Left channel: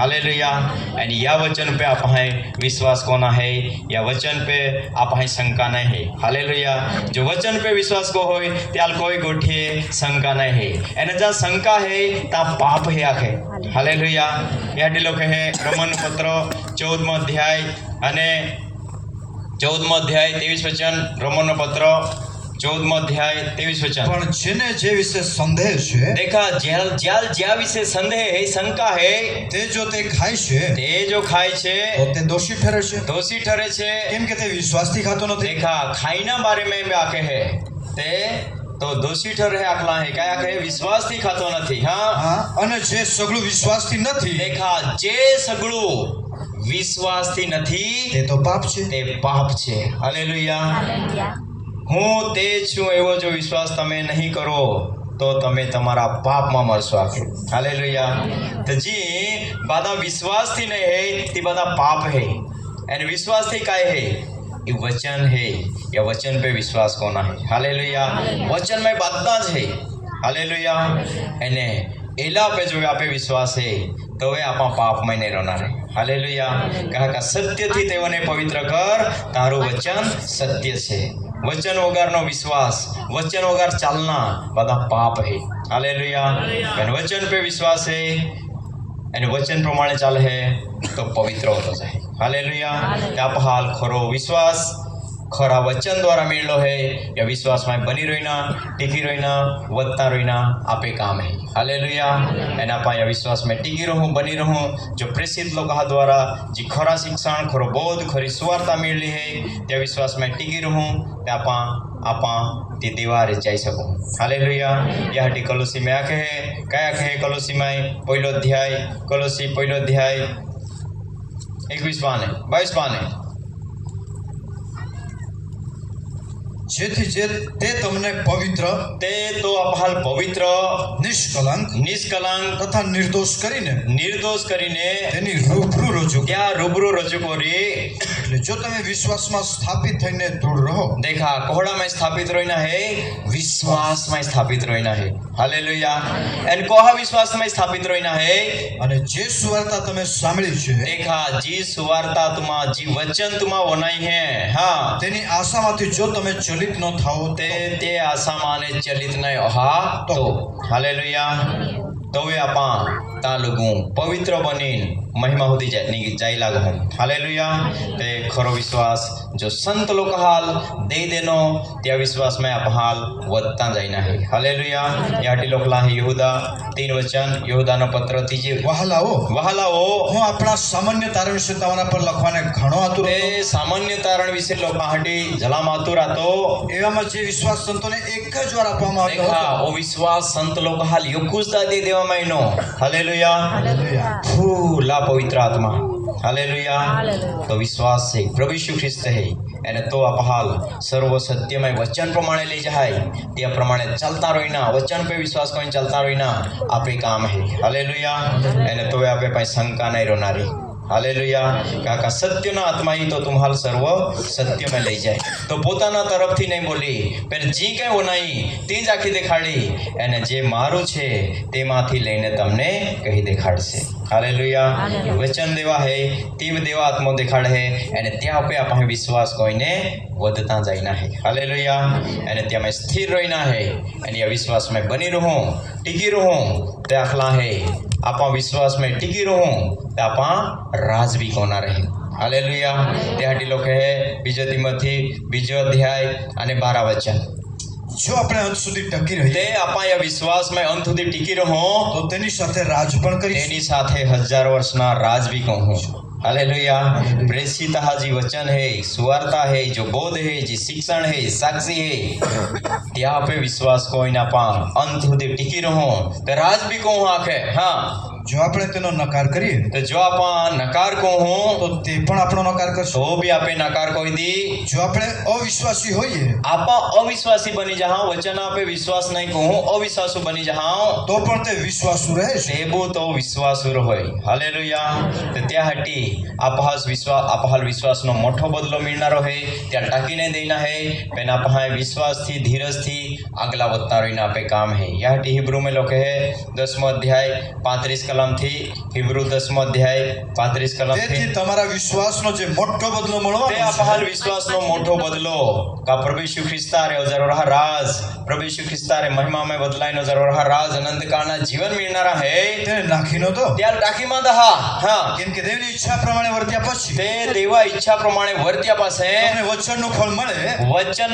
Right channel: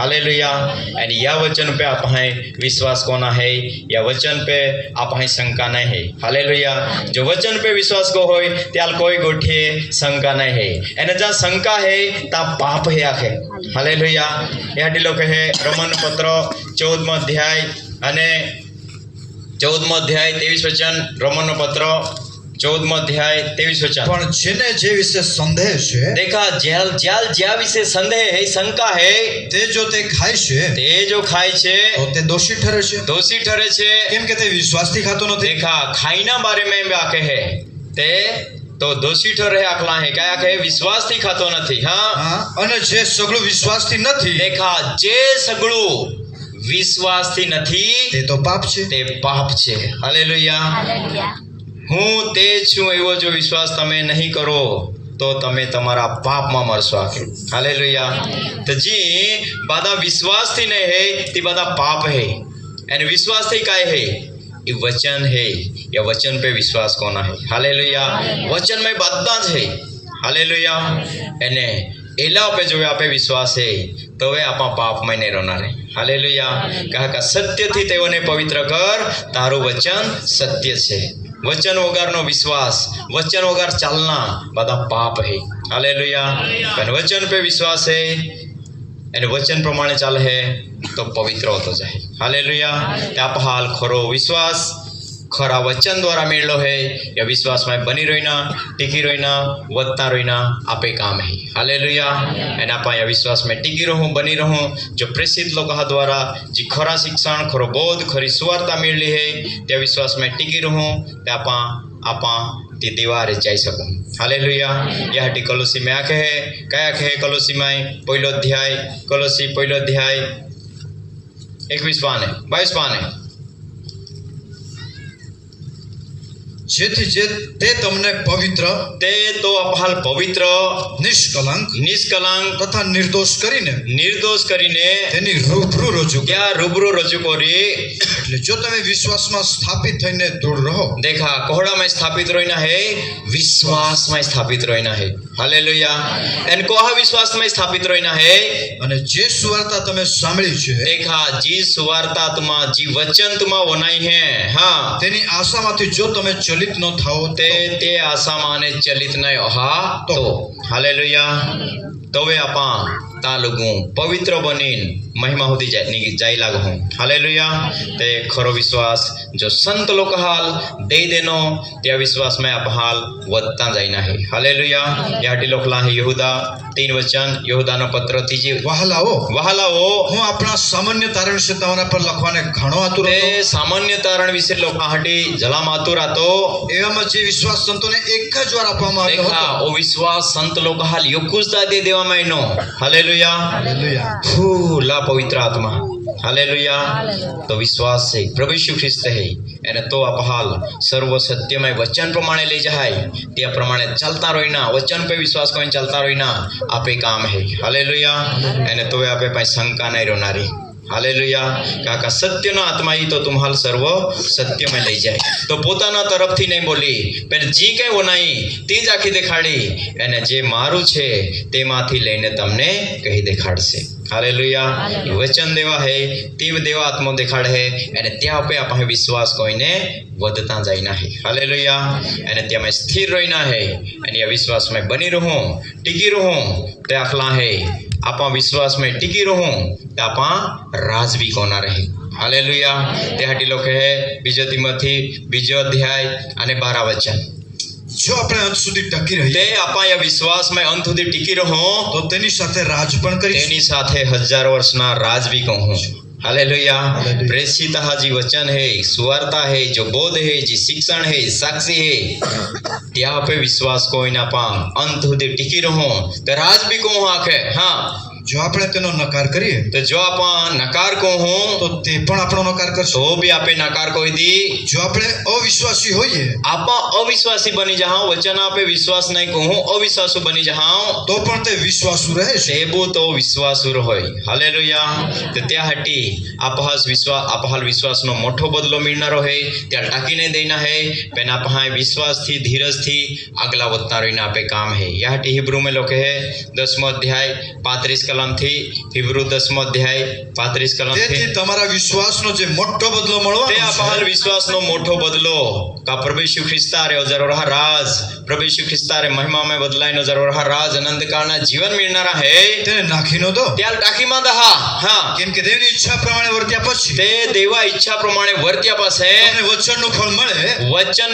Hallelujah. आणि या वचन पे आप हैं विश्वास कोना है, या वचन पे आप हैं शंका नहीं है। हालेलुया। जो वचन पे विश्वास को होय त्याल कोई गोठे शंका नहीं है, एने जहाँ शंका है ता पाप है आखे। हालेलुया। या लोग है रोमन पत्र 14 अध्याय અને 14 અધ્યાય 23 વચન, રોમનનો પત્ર 14 અધ્યાય 23 વચન। પણ જેને જે વિશે સંદેહ છે, देखा ज्या विषय संदेह है, शंका है, તે જો તે ખાય છે તે જો ખાય છે તો તે દોષી ઠરે છે, दोषी ठहरे छे। કેમ કે તે વિશ્વાસથી ખાતો નથી। देखा खाईना बारे में भी आके है ते तो दोषी ठहरे आखला है, क्या आके विश्वास थी खातो नहीं। हाँ, હા, અને જે સગળું વિશ્વાસથી નથી देखा जे सगळू विश्वास थी नहीं તે તો પાપ છે। ते पाप छे। हालेलुया। હું તે છું એવો જો વિશ્વાસ તમે નહીં કરો તો તમે તમારા પાપમાં મરશો આખે। હાલેલુયા। તો जी बाधा विश्वास थी नहीं है ती बाधा पाप है, एंड विश्वास थी काय है, ये वचन है। या वचन पे विश्वास कोना है। हालेलुया। वचन में बाधा है। हालेलुया। एने एला पे जो आपे विश्वास है तो वे आपा पाप में नहीं रोना रहे। हालेलुया। कहा का सत्य थी तेवने पवित्र कर, तारू वचन सत्य छे। वचन वगरनो विश्वास, वचन वगर चालना बधा पाप है। हालेलुया। वचन पे विश्वास है અને વચન પ્રમાણે ચાલે है तो पवित्र होतो जाए। हालेलुया। आप हाल खरो विश्वास खरा वचन द्वारा मेळलो है, या विश्वास में बनी रहीना, टिकी रहीना, वधता रहीना आपे काम है। हालेलुया। एना आपा या विश्वास में टिकी रहूं, बनी रहूं। जो प्रेषित लोग द्वारा जी खरा शिक्षण, खरो बोध, खरी सुवार्ता मेळली है, त्या विश्वास में टिकी रहूं, ते आपा ते दीवारे जाई सकूं। हालेलुया। या हटी कलोसी में आखे है, क्या आखे है कलोसी में पहिलो अध्याय, कलोसी पहिलो अध्याय 21 पाने 22 पाने। જેથી જે તે તમને પવિત્ર તે તો આપહાલ પવિત્ર, નિષ્કલંક નિષ્કલંક તથા નિર્દોષ કરીને નિર્દોષ કરીને તેની રૂબરૂ રજૂ કરે। ત્યાં રૂબરૂ રજૂ કરી। એટલે જો તમે વિશ્વાસમાં સ્થાપિત થઈને દૃઢ રહો, देखा कोहड़ा में स्थापित रोइना है, विश्वास में स्थापित रोइना है। हालेलुया। एन कोहा विश्वास में स्थापित रोइना है। અને જે સુવાર્તા તમે સાંભળી છે देखा जी सुवार्ता तुमा जी वचन तुमा वनाई है। हाँ, તેની આશામાંથી જો તમે ચલિત ન થાઓ ते आशा माने चलित नहीं हा तो। हालेलुया। तो वे आपा ता लोगों पवित्र बनीन महिमा होती जाई लागू। हालेलुया। ते खरो विश्वास जो संत लोग हाल दे देनो त्या विश्वास में आप हाल वधता जाइना है। हालेलुया। याटी लोकला है यहूदा 3 वचन, यहूदाનો પત્ર 3 વહાલાઓ વહાલાઓ હું આપણા સામાન્ય તારણ વિશે તમારા પર લખવાને ઘણો આતુર તે સામાન્ય તારણ વિશે લોકો હાટી જલામ આતુર હતો। એવામાં જે વિશ્વાસ સંતોને એક જ વાર આપવામાં આવ્યો देखा હતો। ओ विश्वास संत लोग हाल योकुजता दे देवा में नो। हालेलुया। હાલેલુયા। फूला पवित्र आत्मा। हालेलुया। तो विश्वास है प्रभु यीशु ख्रिस्त है, एने तो आप हाल सर्व सत्यमय वचन प्रमाणे ले जाए, त्या प्रमाणे चलता रहीना, वचन पे विश्वास करीने चलता रहीना आपे काम है। हालेलुया। एने तो आपे पाई शंका नहीं रहनारी। हालेलुया। काका सत्य ना आत्मा ही तो तुम्हाल सर्व सत्य में ले जाए। तो पोताना तरफ थी नहीं बोली, पर जी कई वनाई ते ज आखी देखाड़ी, एने जे मारू छे तेमांथी लईने तमने कही देखाड़शे। हालेलुया। वचन देवा है, तीव देवा आत्मा देखाड़ है, एने त्या पे आपणे विश्वास कोईने वधता जाइना है। हालेलुया। एने त्या में स्थिर रहीना है, एने या विश्वास में बनी रहूं, टिकी रहूं, ते आखला है आपा विश्वास में टिकी रहूं, ते आपा राजवी कोना रहे। हालेलुया। ते हाटी लोग है बीजो तिमोथी 2 अध्याय અને 12 वचन। જો આપણે અંત સુધી ટકી રહીએ તે આપા या विश्वास में अंत સુધી टिकी રહો તો તેની સાથે રાજ પણ કરીશું। તેની સાથે 1000 વર્ષના રાજ भी कहूँ। हालेलुया। प्रेषित हाजी वचन है, सुवार्ता है, जो बोध है, जी शिक्षण है, साक्षी है, त्या पे विश्वास कोई ना पाम अंत સુધી टिकी रहो तो राज भी कहूँ आखे। हाँ, જો આપણે તેનો નકાર કરીએ तो जो आप नकार कहूँ તો તે પણ આપણો નકાર કરશે। तो भी आपे नकार कोई दी। જો આપણે અવિશ્વાસી હોઈએ आप अविश्वासी बनी जाओ, वचन आपे विश्वास नहीं कहूँ, अविश्वासु बनी जाओ તો પણ તે વિશ્વાસુ રહે છે। सेबू तो विश्वासु होय। हालेलुया। तो त्या हटी आपहाल विश्वास नो मोठो बदलो मिलनारो है, त्या टाकी नहीं देना है, पेन आपहा विश्वास थी, धीरज थी आगला वधता रहीने आपे काम है। या हटी हिब्रू में लोग है 10वां अध्याय 35 કલમથી હિબ્રુ 10મો અધ્યાય 35 કલમથી તેથી તમારા વિશ્વાસનો જે મોટો બદલો તે મળવાનો આપહાલ છે विश्वास नो मोठो बदलो का प्रभु यीशु ख्रिस्ता रे जरूर राज प्रभु यीशु ख्रिस्ता रे महिमा में बदलाई नो जरूर राज अनंत काळना जीवन मिळणारा है તેને નાખીનો દો त्याला टाकीમાં दहा हा કેમ કે દેવની ઈચ્છા પ્રમાણે વર્ત્યા પછી તે દેવા ઈચ્છા પ્રમાણે વર્ત્યા પાસે તમને વચનનું ફળ મળે वचन